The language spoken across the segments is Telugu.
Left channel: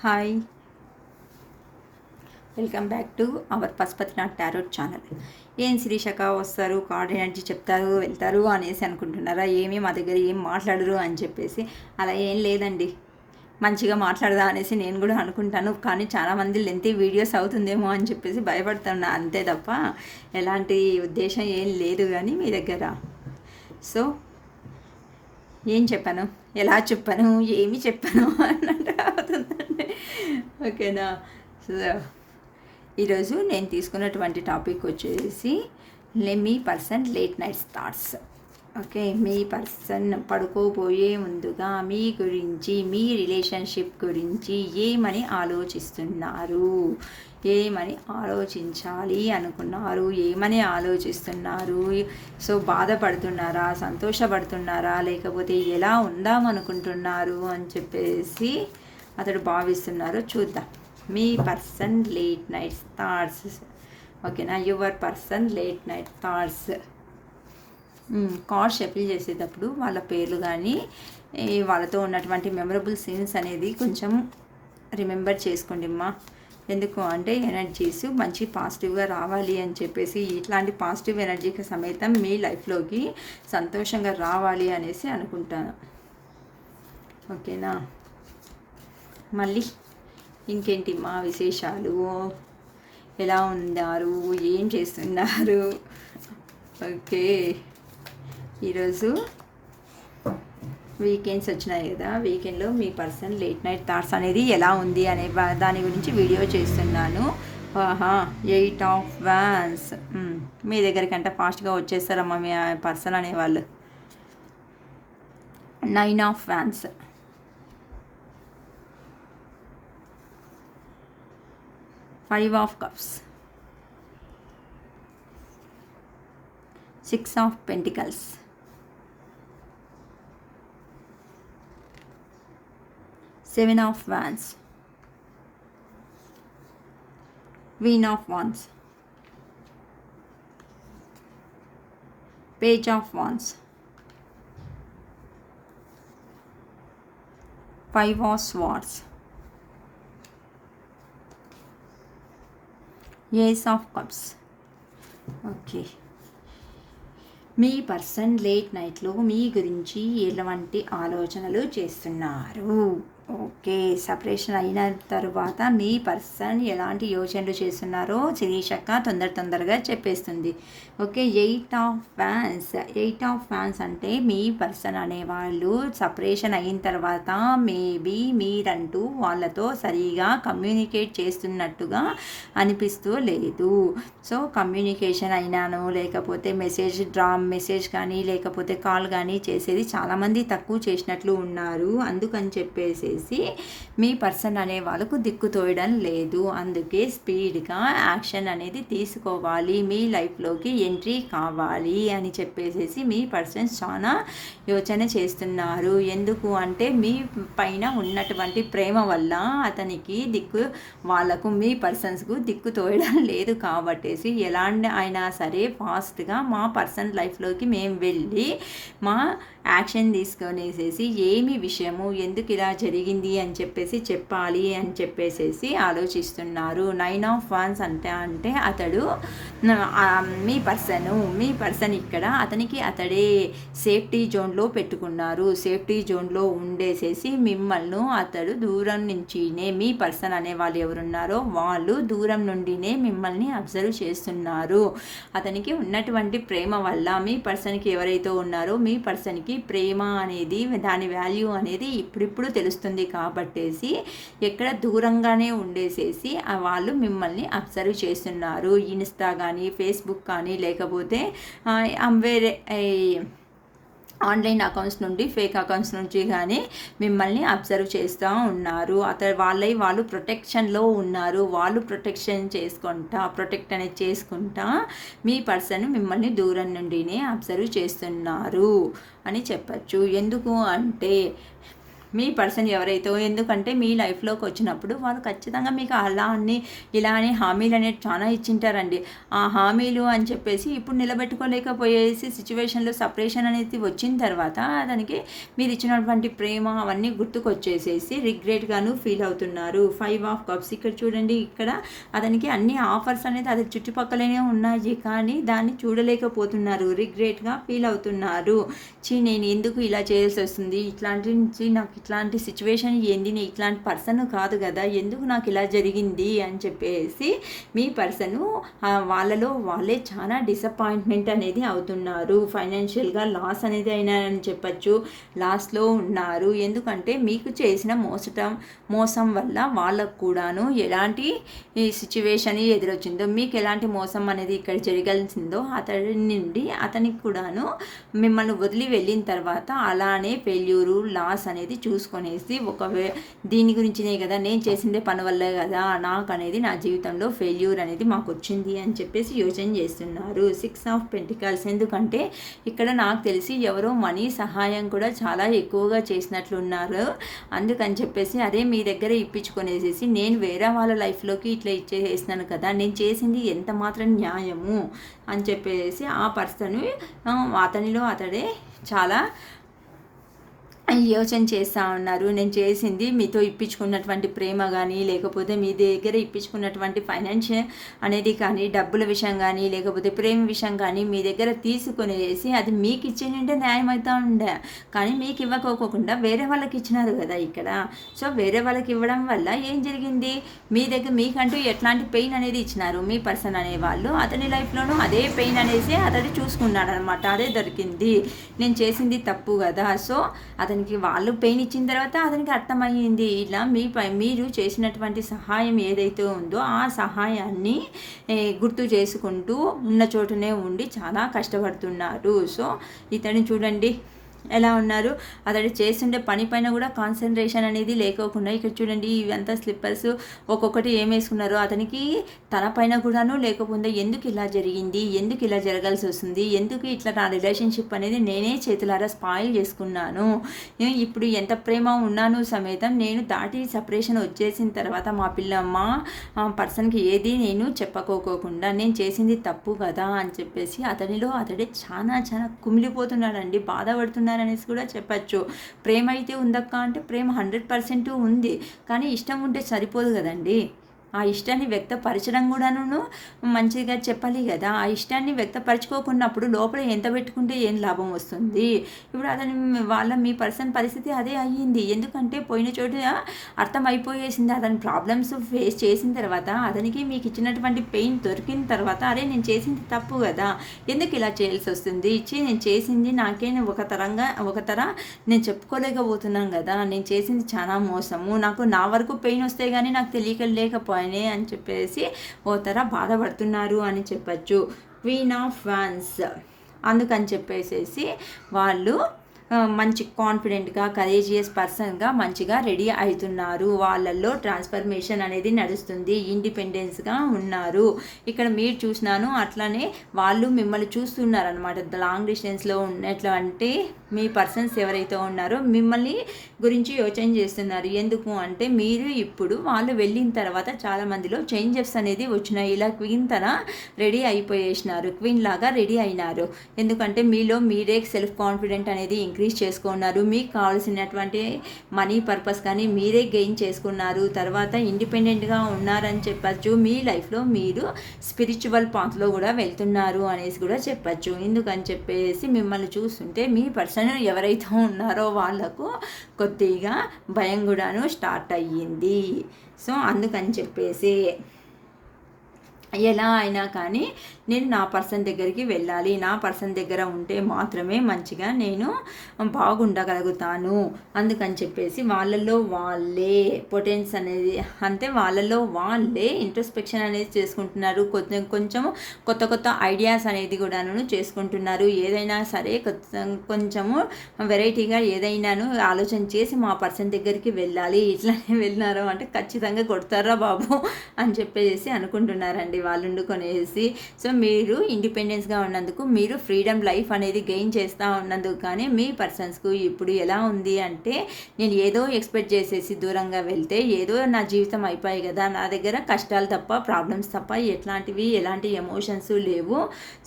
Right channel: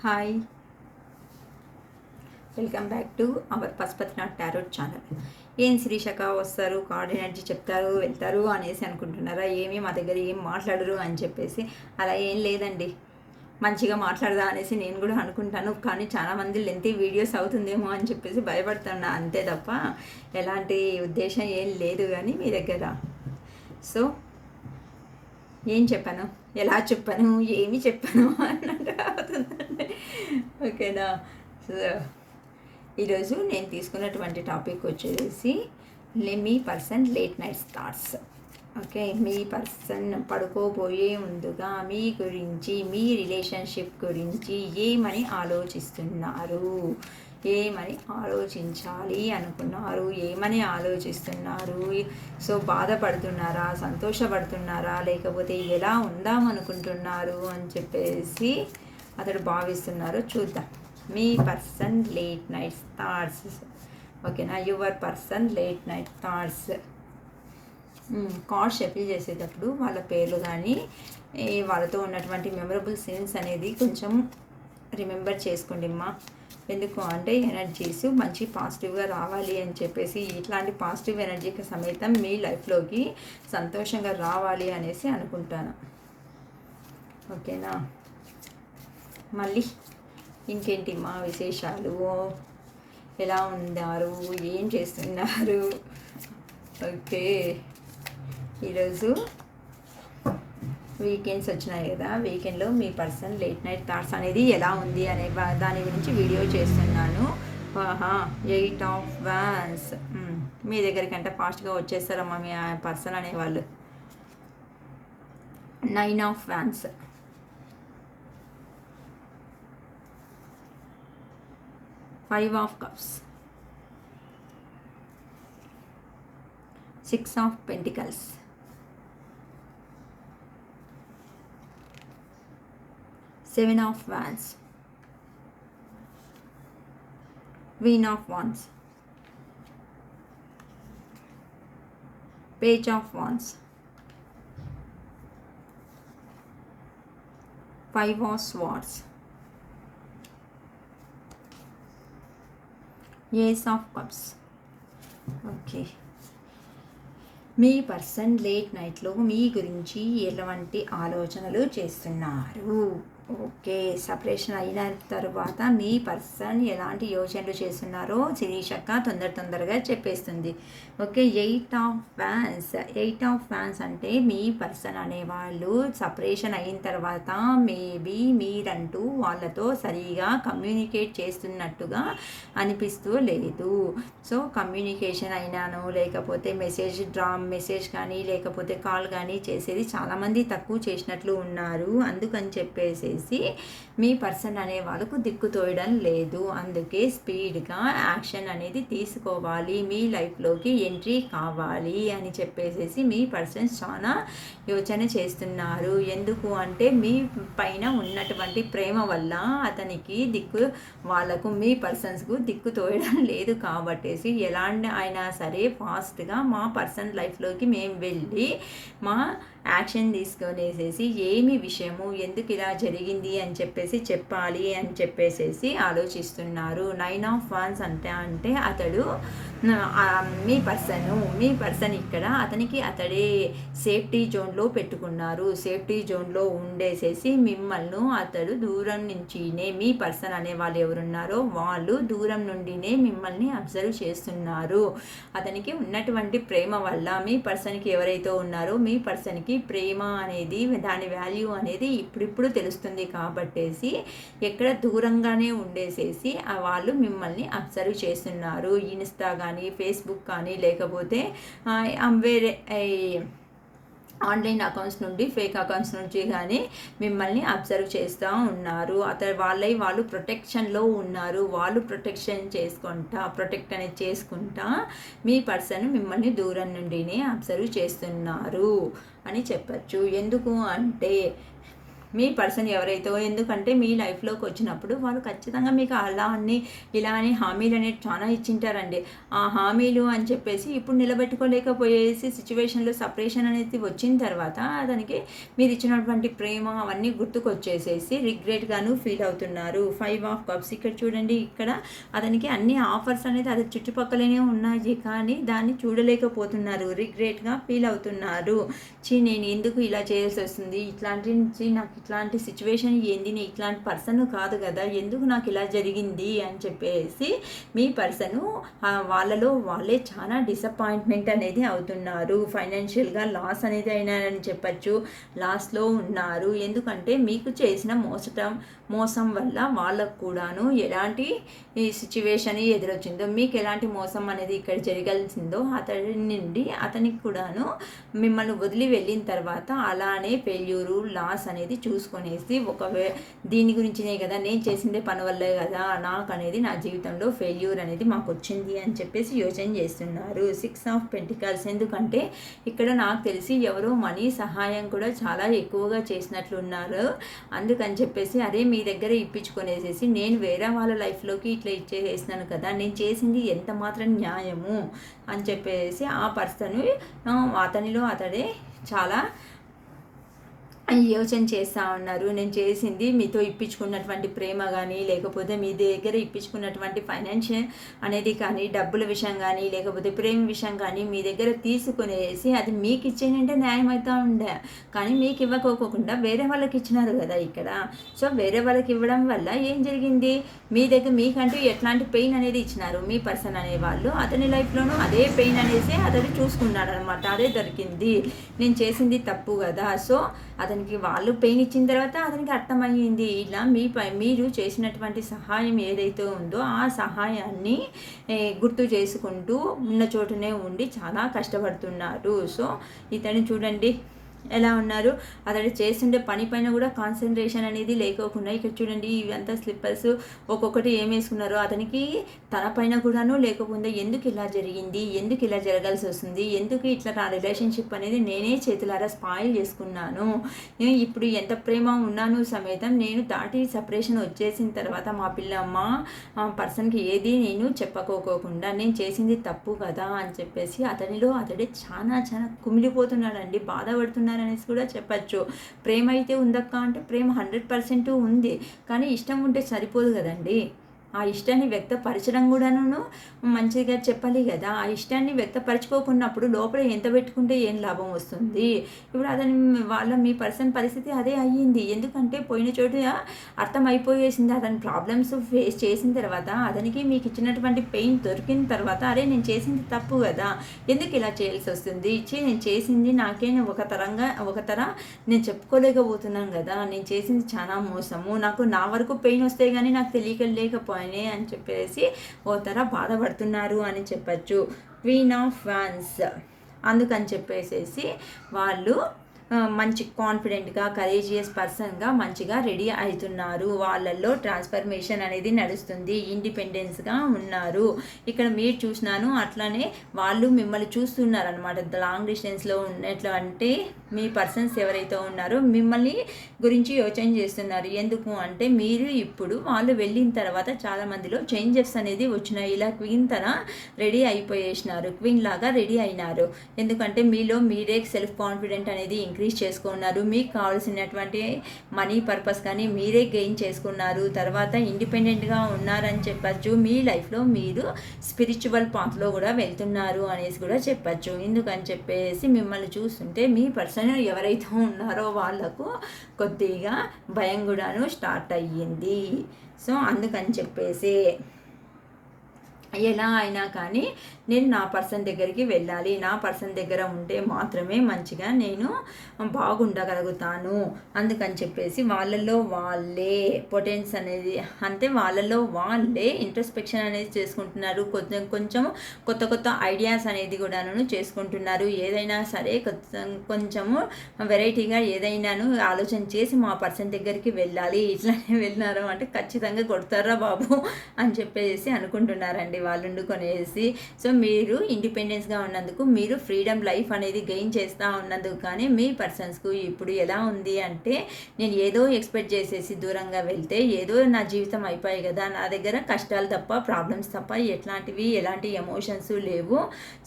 Hi, welcome back to our Pashupatinath tarot channel. ఏం శిరీషక వస్తారు, కార్డ్ ఎనర్జీ చెప్తారు, వెళ్తారు అనేసి అనుకుంటున్నారా? ఏమీ మా దగ్గర ఏం మాట్లాడరు అని చెప్పేసి. అలా ఏం లేదండి, మంచిగా మాట్లాడదా అనేసి నేను కూడా అనుకుంటాను. కానీ చాలామంది లెంతీ వీడియోస్ అవుతుందేమో అని చెప్పేసి భయపడుతున్నా, అంతే తప్ప ఎలాంటి ఉద్దేశం ఏం లేదు కానీ మీ దగ్గర. సో ఏం చెప్పాను, ఎలా చెప్పాను, ఏమి చెప్పాను అన్నట్టు అవుతుందండి. ఓకేనా? సో ఈరోజు నేను తీసుకున్నటువంటి టాపిక్ వచ్చేసి మీ person late night thoughts. Okay, మీ పర్సన్ పడుకోబోయే ముందుగా మీ గురించి, మీ రిలేషన్షిప్ గురించి ఏమని ఆలోచిస్తున్నారు, ఏమని ఆలోచించాలి అనుకున్నారు, ఏమని ఆలోచిస్తున్నారు. సో బాధపడుతున్నారా, సంతోషపడుతున్నారా, లేకపోతే ఎలా ఉందామనుకుంటున్నారు అని చెప్పేసి అతడు భావిస్తున్నారు. చూద్దాం. మీ పర్సన్ లేట్ నైట్ థాట్స్. ఓకేనా? Your person late night thoughts. Card shuffle చేసేటప్పుడు వాళ్ళ పేర్లు కానీ వాళ్ళతో ఉన్నటువంటి మెమరబుల్ సీన్స్ అనేది కొంచెం రిమెంబర్ చేసుకోండి అమ్మా. ఎందుకు అంటే ఎనర్జీస్ మంచి పాజిటివ్గా రావాలి అని చెప్పేసి, ఇట్లాంటి పాజిటివ్ ఎనర్జీకి సమేతం మీ లైఫ్లోకి సంతోషంగా రావాలి అనేసి అనుకుంటాను. ఓకేనా? మళ్ళీ ఇంకేంటి మా విశేషాలు, ఎలా ఉన్నారు, ఏం చేస్తున్నారు? ఓకే, ఈరోజు వీకెండ్స్ వచ్చినాయి కదా, వీకెండ్లో మీ పర్సన్ లేట్ నైట్ థాట్స్ అనేది ఎలా ఉంది అనే దాని గురించి వీడియో చేస్తున్నాను. 8 ఆఫ్ వాన్స్. మీ దగ్గరికంటే ఫాస్ట్గా వచ్చేస్తారమ్మా మీ పర్సన్ అనేవాళ్ళు. 9 of wands. 5 of cups. 6 of pentacles. 7 of wands. Queen of wands. Page of wands. 5 of swords. Ace of cups. Okay, మీ పర్సన్ లేట్ నైట్లో మీ గురించి ఎలాంటి ఆలోచనలు చేస్తున్నారు? ఓకే, సపరేషన్ అయిన తర్వాత మీ పర్సన్ ఎలాంటి యోచనలు చేస్తున్నారో శిరీషక్క తొందరగా చెప్పేస్తుంది. Okay, 8 of fans. 8 of fans అంటే మీ పర్సన్ అనేవాళ్ళు సపరేషన్ అయిన తర్వాత మేబీ మీరంటూ వాళ్ళతో సరిగా కమ్యూనికేట్ చేస్తున్నట్టుగా అనిపిస్తూ లేదు. సో కమ్యూనికేషన్ అయినాను, లేకపోతే మెసేజ్ కానీ లేకపోతే కాల్ కానీ చేసేది చాలామంది తక్కువ చేసినట్లు ఉన్నారు. అందుకని చెప్పేసి మీ పర్సన్ అనే వాళ్ళకు దిక్కు తోయడం లేదు. అందుకే స్పీడ్గా యాక్షన్ అనేది తీసుకోవాలి, మీ లైఫ్లోకి ఎంట్రీ కావాలి అని చెప్పేసి మీ పర్సన్స్ చాలా యోచన చేస్తున్నారు. ఎందుకు అంటే మీ పైన ఉన్నటువంటి ప్రేమ వల్ల అతనికి వాళ్ళకు మీ పర్సన్స్కు దిక్కు తోయడం లేదు. కాబట్టేసి ఎలాంటి అయినా సరే ఫాస్ట్గా మా పర్సన్ లైఫ్లోకి మేము వెళ్ళి మా యాక్షన్ తీసుకొనేసేసి ఏమి విషయము, ఎందుకు ఇలా జరిగింది అని చెప్పేసి చెప్పాలి అని చెప్పేసి ఆలోచిస్తున్నారు. 9 ఆఫ్ వాన్స్ అంటే అతడు మీ పర్సన్ ఇక్కడ అతడే సేఫ్టీ జోన్లో పెట్టుకున్నారు. సేఫ్టీ జోన్లో ఉండేసేసి మిమ్మల్ని అతడు దూరం నుంచినే, మీ పర్సన్ అనే వాళ్ళు ఎవరున్నారో వాళ్ళు దూరం నుండినే మిమ్మల్ని అబ్జర్వ్ చేస్తున్నారు. అతనికి ఉన్నటువంటి ప్రేమ వల్ల మీ పర్సన్కి ఎవరైతే ఉన్నారో మీ పర్సన్కి ప్రేమ అనేది, దాని వాల్యూ అనేది ఇప్పుడిప్పుడు తెలుస్తుంది. కాబట్టేసి ఎక్కడ దూరంగానే ఉండేసేసి వాళ్ళు మిమ్మల్ని అబ్జర్వ్ చేస్తున్నారు. ఇన్స్టా కానీ ఫేస్బుక్ కానీ లేకపోతే వేరే ఆన్లైన్ అకౌంట్స్ నుండి, ఫేక్ అకౌంట్స్ నుంచి కానీ మిమ్మల్ని అబ్జర్వ్ చేస్తూ ఉన్నారు. వాళ్ళు ప్రొటెక్షన్లో ఉన్నారు. వాళ్ళు ప్రొటెక్ట్ అనేది చేసుకుంటా మీ పర్సన్ మిమ్మల్ని దూరం నుండినే అబ్జర్వ్ చేస్తున్నారు అని చెప్పచ్చు. ఎందుకు అంటే మీ పర్సన్ ఎవరైతే, ఎందుకంటే మీ లైఫ్లోకి వచ్చినప్పుడు వాళ్ళు ఖచ్చితంగా మీకు అలా అని ఇలా అని హామీలు అనేవి చాలా ఇచ్చింటారండి. ఆ హామీలు అని చెప్పేసి ఇప్పుడు నిలబెట్టుకోలేకపోయేసి సిచ్యువేషన్లో సపరేషన్ అనేది వచ్చిన తర్వాత దానికి మీరు ఇచ్చినటువంటి ప్రేమ అవన్నీ గుర్తుకొచ్చేసేసి రిగ్రెట్గాను ఫీల్ అవుతున్నారు. 5 ఆఫ్ కప్స్ ఇక్కడ చూడండి, ఇక్కడ అతనికి అన్ని ఆఫర్స్ అనేది అది చుట్టుపక్కలనే ఉన్నాయి, కానీ దాన్ని చూడలేకపోతున్నారు, రిగ్రెట్గా ఫీల్ అవుతున్నారు. నేను ఎందుకు ఇలా చేయాల్సి వస్తుంది, ఇట్లాంటి నుంచి నాకు ఇట్లాంటి సిచ్యువేషన్ ఏంది, నేను ఇట్లాంటి పర్సన్ కాదు కదా, ఎందుకు నాకు ఇలా జరిగింది అని చెప్పేసి మీ పర్సను వాళ్ళలో వాళ్ళే చాలా డిసప్పాయింట్మెంట్ అనేది అవుతున్నారు. ఫైనాన్షియల్గా లాస్ అనేది అయినారని చెప్పచ్చు, లాస్లో ఉన్నారు. ఎందుకంటే మీకు చేసిన మోసం వల్ల వాళ్ళకు కూడాను ఎలాంటి ఈ సిచ్యువేషన్ ఎదురొచ్చిందో, మీకు ఎలాంటి మోసం అనేది ఇక్కడ జరగాల్సిందో అతడి నుండి అతనికి కూడాను మిమ్మల్ని వదిలి వెళ్ళిన తర్వాత అలానే ఫెయిల్యూరు లాస్ అనేది చూసుకొనేసి దీని గురించినే కదా, నేను చేసిందే పని వల్లే కదా నాకు అనేది నా జీవితంలో ఫెయిల్యూర్ అనేది మాకు వచ్చింది అని చెప్పేసి యోచన చేస్తున్నారు. 6 ఆఫ్ పెంటికల్స్, ఎందుకంటే ఇక్కడ నాకు తెలిసి ఎవరో మనీ సహాయం కూడా చాలా ఎక్కువగా చేసినట్లున్నారు. అందుకని చెప్పేసి అదే మీ దగ్గర ఇప్పించుకొనేసేసి నేను వేరే వాళ్ళ లైఫ్లోకి ఇట్లా ఇచ్చేసేసినాను కదా, నేను చేసింది ఎంత మాత్రం న్యాయము అని చెప్పేసి ఆ పర్సన్ అతనిలో అతడే చాలా యోచన చేస్తూ ఉన్నారు. నేను చేసింది మీతో ఇప్పించుకున్నటువంటి ప్రేమ కానీ, లేకపోతే మీ దగ్గర ఇప్పించుకున్నటువంటి ఫైనాన్షియల్ అనేది కానీ, డబ్బుల విషయం కానీ, లేకపోతే ప్రేమ విషయం కానీ మీ దగ్గర తీసుకునేసి అది మీకు ఇచ్చేనంటే న్యాయం అవుతూ ఉండే, కానీ మీకు ఇవ్వకోకుండా వేరే వాళ్ళకి ఇచ్చినారు కదా ఇక్కడ. సో వేరే వాళ్ళకి ఇవ్వడం వల్ల ఏం జరిగింది, మీ దగ్గర మీకంటూ ఎట్లాంటి పెయిన్ అనేది ఇచ్చినారు మీ పర్సన్ అనేవాళ్ళు, అతని లైఫ్లోనూ అదే పెయిన్ అనేసి అతడు చూసుకున్నాడు అనమాట. అదే దొరికింది, నేను చేసింది తప్పు కదా. సో అతనికి వాళ్ళు పెయిన్ ఇచ్చిన తర్వాత అతనికి అర్థమయ్యింది, ఇలా మీరు చేసినటువంటి సహాయం ఏదైతే ఉందో ఆ సహాయాన్ని గుర్తు చేసుకుంటూ ఉన్న చోటునే ఉండి చాలా కష్టపడుతున్నారు. సో ఇతన్ని చూడండి ఎలా ఉన్నారు, అతడు చేస్తుండే పని పైన కూడా కాన్సన్ట్రేషన్ అనేది లేకోకుండా, ఇక్కడ చూడండి ఇవంతా స్లిప్పర్స్ ఒక్కొక్కటి ఏం వేసుకున్నారో అతనికి తన పైన కూడాను లేకపోతే ఎందుకు ఇలా జరిగింది, ఎందుకు ఇలా జరగాల్సి వస్తుంది, ఎందుకు ఇట్లా నా రిలేషన్షిప్ అనేది నేనే చేతులారా స్పాయిల్ చేసుకున్నాను, ఇప్పుడు ఎంత ప్రేమ ఉన్నాను సಮೇతం నేను దాటి సపరేషన్ వచ్చేసిన తర్వాత మా పర్సన్కి ఏది నేను చెప్పుకోకుండా నేను చేసింది తప్పు కదా అని చెప్పేసి అతనిలో అతడే చాలా చాలా కుమిలిపోతున్నాడండి, బాధపడుతున్నాడు అనేసి కూడా చెప్పచ్చు. ప్రేమ అయితే ఉందక్క అంటే ప్రేమ 100% ఉంది, కానీ ఇష్టం ఉంటే సరిపోదు కదండి. ఆ ఇష్టాన్ని వ్యక్తపరచడం కూడాను మంచిగా చెప్పాలి కదా. ఆ ఇష్టాన్ని వ్యక్తపరచుకోకున్నప్పుడు లోపల ఎంత పెట్టుకుంటే ఏం లాభం వస్తుంది. ఇప్పుడు అతని మీ పర్సన్ పరిస్థితి అదే అయ్యింది. ఎందుకంటే పోయిన చోట అర్థమైపోయేసింది, అతని ప్రాబ్లమ్స్ ఫేస్ చేసిన తర్వాత అతనికి మీకు ఇచ్చినటువంటి పెయిన్ దొరికిన తర్వాత అరే నేను చేసింది తప్పు కదా, ఎందుకు ఇలా చేయాల్సి వస్తుంది, నేను చేసింది నాకే ఒక తర నేను చెప్పుకోలేకపోతున్నాను కదా, నేను చేసింది చాలా మోసము, నాకు నా వరకు పెయిన్ వస్తే కానీ నాకు తెలియలేకపోయాను అని చెప్పేసి ఓ తర బాధపడుతున్నారు అని చెప్పచ్చు. క్వీన్ ఆఫ్ వాన్స్, అందుకని చెప్పేసి వాళ్ళు మంచి కాన్ఫిడెంట్గా కరేజియస్ పర్సన్గా మంచిగా రెడీ అవుతున్నారు. వాళ్ళల్లో ట్రాన్స్ఫర్మేషన్ అనేది నడుస్తుంది, ఇండిపెండెన్స్గా ఉన్నారు. ఇక్కడ మీరు చూసినాను అట్లానే వాళ్ళు మిమ్మల్ని చూస్తున్నారు అనమాట. లాంగ్ డిస్టెన్స్లో ఉన్నట్లు అంటే మీ పర్సన్స్ ఎవరైతే ఉన్నారో మిమ్మల్ని గురించి యోచన చేస్తున్నారు. ఎందుకు అంటే మీరు ఇప్పుడు వాళ్ళు వెళ్ళిన తర్వాత చాలామందిలో చేంజెస్ అనేది వచ్చినాయి. ఇలా క్వీన్ తన రెడీ అయిపోయేసినారు, క్వీన్ లాగా రెడీ అయినారు. ఎందుకంటే మీలో మీరే సెల్ఫ్ కాన్ఫిడెంట్ అనేది ఇంక్రీజ్ చేసుకున్నారు, మీకు కావాల్సినటువంటి మనీ పర్పస్ కానీ మీరే గెయిన్ చేసుకున్నారు, తర్వాత ఇండిపెండెంట్గా ఉన్నారని చెప్పచ్చు. మీ లైఫ్లో మీరు స్పిరిచువల్ పాత్లో కూడా వెళ్తున్నారు అనేసి కూడా చెప్పచ్చు. ఎందుకని చెప్పేసి మిమ్మల్ని చూస్తుంటే మీ పర్సన్ ఎవరైతే ఉన్నారో వాళ్ళకు కొద్దిగా భయం కూడాను స్టార్ట్ అయ్యింది. సో అందుకని చెప్పేసి ఎలా అయినా కానీ నేను నా పర్సన్ దగ్గరికి వెళ్ళాలి, నా పర్సన్ దగ్గర ఉంటే మాత్రమే మంచిగా నేను బాగుండగలుగుతాను. అందుకని చెప్పేసి వాళ్ళల్లో వాళ్ళే పొటెన్స్ అనేది అంటే వాళ్ళల్లో వాళ్ళే ఇంట్రోస్పెక్షన్ అనేది చేసుకుంటున్నారు. కొంచెం కొత్త ఐడియాస్ అనేది కూడాను చేసుకుంటున్నారు. ఏదైనా సరే కొంచెము వెరైటీగా ఏదైనాను ఆలోచన చేసి మా పర్సన్ దగ్గరికి వెళ్ళాలి, ఇట్లానే వెళ్ళినారు అంటే ఖచ్చితంగా కొడతారా బాబు అని చెప్పేసి అనుకుంటున్నారండి. అండి వాళ్ళు వండుకొనేసి. సో మీరు ఇండిపెండెన్స్గా ఉన్నందుకు, మీరు ఫ్రీడమ్ లైఫ్ అనేది గెయిన్ చేస్తూ ఉన్నందుకు. కానీ మీ పర్సన్స్కు ఇప్పుడు ఎలా ఉంది అంటే, నేను ఏదో ఎక్స్పెక్ట్ చేసేసి దూరంగా వెళ్తే ఏదో నా జీవితం అయిపోయాయి కదా, నా దగ్గర కష్టాలు తప్ప ప్రాబ్లమ్స్ తప్ప ఎలాంటి ఎమోషన్స్ లేవు.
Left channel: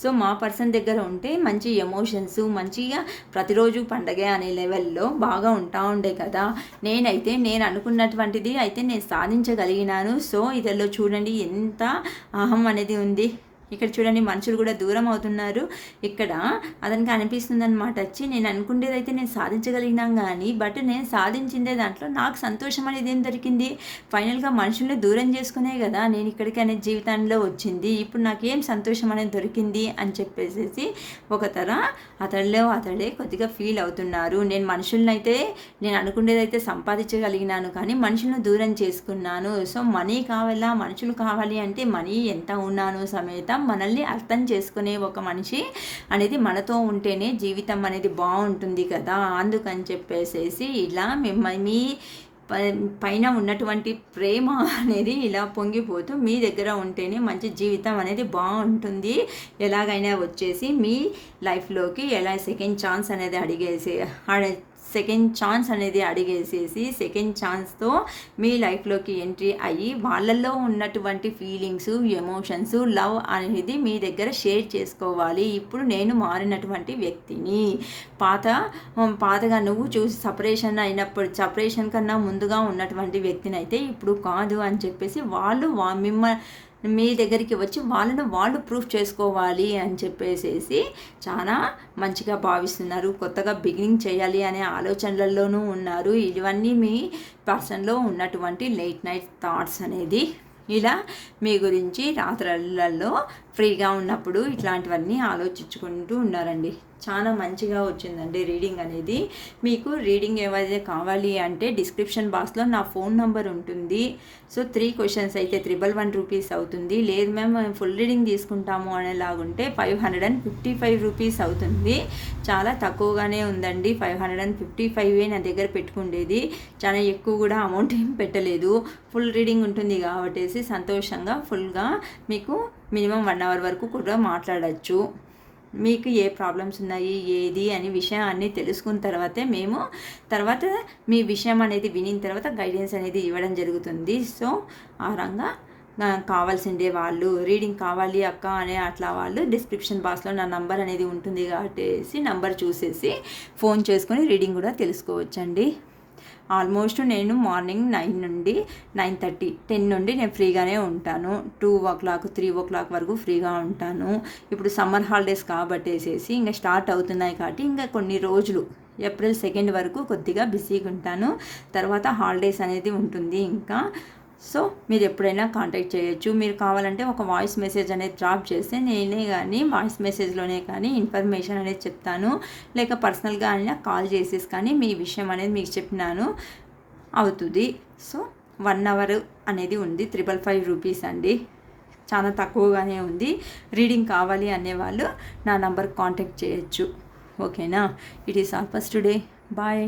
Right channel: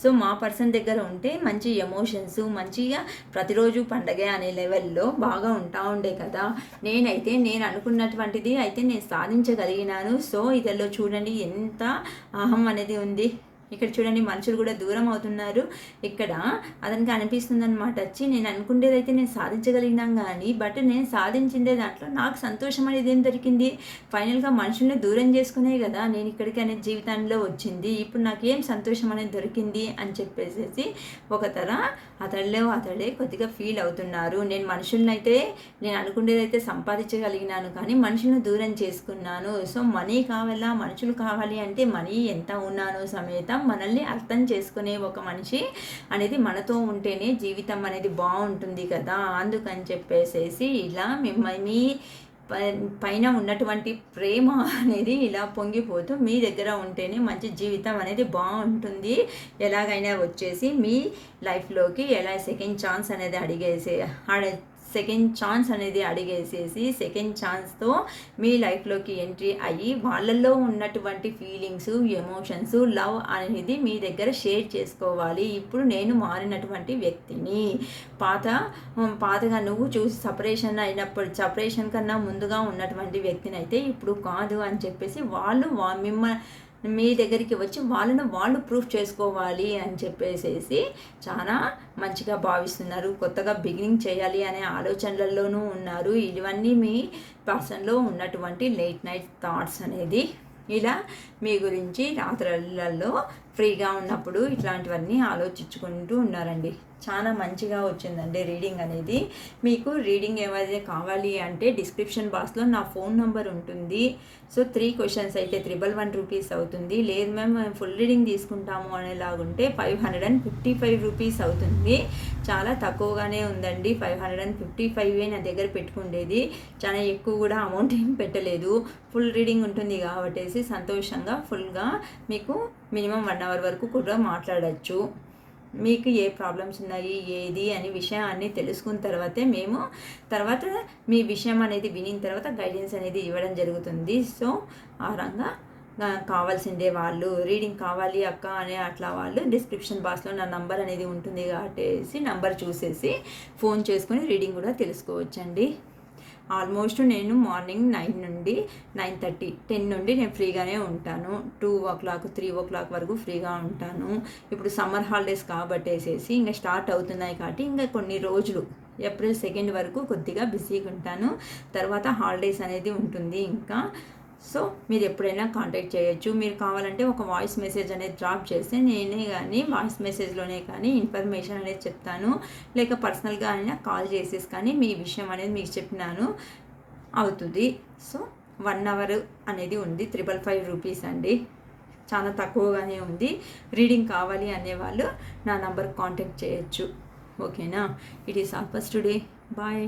సో మా పర్సన్ దగ్గర ఉంటే మంచి ఎమోషన్స్, మంచిగా ప్రతిరోజు పండగే అనే లెవెల్లో బాగా ఉంటా ఉండే కదా. నేను అనుకున్నటువంటిది అయితే నేను సాధించగలిగినాను. సో ఇదిలో చూడండి ఎంత అహం అనేది ఉంది. ఇక్కడ చూడండి మనుషులు కూడా దూరం అవుతున్నారు. ఇక్కడ అతనికి అనిపిస్తుంది అనమాట, వచ్చి నేను అనుకునేదైతే నేను సాధించగలిగినాం కానీ, బట్ నేను సాధించిందే దాంట్లో నాకు సంతోషం అనేది ఏం దొరికింది? ఫైనల్గా మనుషుల్ని దూరం చేసుకునే కదా నేను ఇక్కడికి అనేది జీవితంలో వచ్చింది. ఇప్పుడు నాకేం సంతోషం అనేది దొరికింది అని చెప్పేసి అతడే కొద్దిగా ఫీల్ అవుతున్నారు. నేను మనుషుల్ని అయితే నేను అనుకునేదైతే సంపాదించగలిగినాను కానీ మనుషులను దూరం చేసుకున్నాను. సో మనీ కావాలా, మనుషులు కావాలి అంటే మనీ ఎంత ఉన్నాను సమేత మనల్ని అర్థం చేసుకునే ఒక మనిషి అనేది మనతో ఉంటేనే జీవితం అనేది బాగుంటుంది కదా. అందుకని చెప్పేసేసి ఇలా మీ పైన ఉన్నటువంటి ప్రేమ అనేది ఇలా పొంగిపోతూ మీ దగ్గర ఉంటేనే మంచి జీవితం అనేది బాగుంటుంది. ఎలాగైనా వచ్చేసి మీ లైఫ్లోకి ఎలా సెకండ్ ఛాన్స్ అనేది సెకండ్ అడిగేసేసి సెకండ్ ఛాన్స్తో మీ లైఫ్లోకి ఎంట్రీ అయ్యి వాళ్ళల్లో ఉన్నటువంటి ఫీలింగ్స్, ఎమోషన్స్, లవ్ అనేది మీ దగ్గర షేర్ చేసుకోవాలి. ఇప్పుడు నేను మారినటువంటి వ్యక్తిని, పాతగా నువ్వు చూసి సపరేషన్ కన్నా ముందుగా ఉన్నటువంటి వ్యక్తిని అయితే ఇప్పుడు కాదు అని చెప్పేసి వాళ్ళు మీ దగ్గరికి వచ్చి వాళ్ళు ప్రూఫ్ చేసుకోవాలి అని చెప్పేసేసి చాలా మంచిగా భావిస్తున్నారు. కొత్తగా బిగినింగ్ చేయాలి అనే ఆలోచనలలోనూ ఉన్నారు. ఇవన్నీ మీ పర్సన్లో ఉన్నటువంటి లేట్ నైట్ థాట్స్ అనేది ఇలా మీ గురించి రాత్రులలో ఫ్రీగా ఉన్నప్పుడు ఇట్లాంటివన్నీ ఆలోచించుకుంటూ ఉన్నారండి. చాలా మంచిగా వచ్చిందండి రీడింగ్ అనేది. మీకు రీడింగ్ ఏవైతే కావాలి అంటే డిస్క్రిప్షన్ బాక్స్లో నా ఫోన్ నెంబర్ ఉంటుంది. సో 3 క్వశ్చన్స్ అయితే 111 రూపీస్ అవుతుంది. లేదు మేము ఫుల్ రీడింగ్ తీసుకుంటాము అనేలాగుంటే 555 రూపీస్ అవుతుంది. చాలా తక్కువగానే ఉందండి. 555 నా దగ్గర పెట్టుకుండేది, చాలా ఎక్కువ కూడా అమౌంట్ ఏం పెట్టలేదు. ఫుల్ రీడింగ్ ఉంటుంది కాబట్టి సంతోషంగా ఫుల్గా మీకు మినిమం 1 అవర్ వరకు కూడా మాట్లాడచ్చు. మీకు ఏ ప్రాబ్లమ్స్ ఉన్నాయి ఏది అని విషయాన్ని తెలుసుకున్న తర్వాతే తర్వాత మీ విషయం అనేది వినిన తర్వాత గైడెన్స్ అనేది ఇవ్వడం జరుగుతుంది. సో ఆ రంగా కావాల్సిందే వాళ్ళు రీడింగ్ కావాలి అక్క అనే అట్లా వాళ్ళు డిస్క్రిప్షన్ బాక్స్లో నా నంబర్ అనేది ఉంటుంది కాబట్టి నంబర్ చూసేసి ఫోన్ చేసుకొని రీడింగ్ కూడా తెలుసుకోవచ్చండి. ఆల్మోస్ట్ నేను మార్నింగ్ 9 నుండి 9:30 10 నుండి నేను ఫ్రీగానే ఉంటాను. 2 o'clock 3 o'clock వరకు ఫ్రీగా ఉంటాను. ఇప్పుడు సమ్మర్ హాలిడేస్ కాబట్టేసేసి ఇంకా స్టార్ట్ అవుతున్నాయి కాబట్టి ఇంకా కొన్ని రోజులు ఏప్రిల్ 2 వరకు కొద్దిగా బిజీగా ఉంటాను. తర్వాత హాలిడేస్ అనేది ఉంటుంది ఇంకా. సో మీరు ఎప్పుడైనా కాంటాక్ట్ చేయొచ్చు. మీరు కావాలంటే ఒక వాయిస్ మెసేజ్ అనేది డ్రాప్ చేస్తే నేనే కానీ వాయిస్ మెసేజ్లోనే కానీ ఇన్ఫర్మేషన్ అనేది చెప్తాను. లేక పర్సనల్గా అయినా కాల్ చేసేసి కానీ మీ విషయం అనేది మీకు చెప్పినాను అవుతుంది. సో 1 అవర్ అనేది ఉంది. 555 రూపీస్ అండి, చాలా తక్కువగానే ఉంది. రీడింగ్ కావాలి అనేవాళ్ళు నా నంబర్కి కాంటాక్ట్ చేయొచ్చు. ఓకేనా? It is all for today. Bye.